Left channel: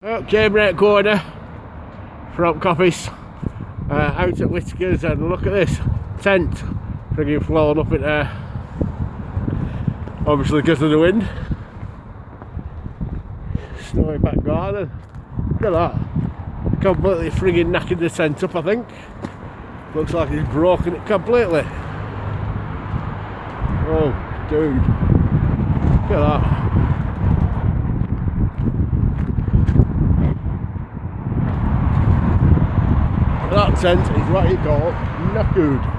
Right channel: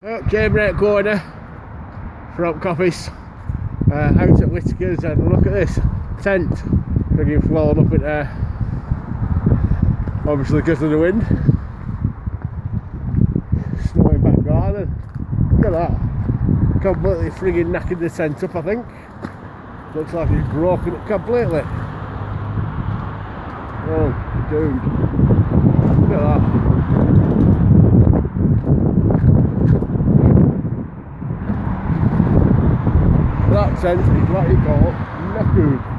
Okay, break corner from Copies out at Whitakers, and look at this tent frigging flown up in there, obviously because of the wind. Snowy back garden, look at that, completely frigging knackered the tent up. I think looks like he's broken it completely. Oh dude, look at that. That tent is what you call knackered.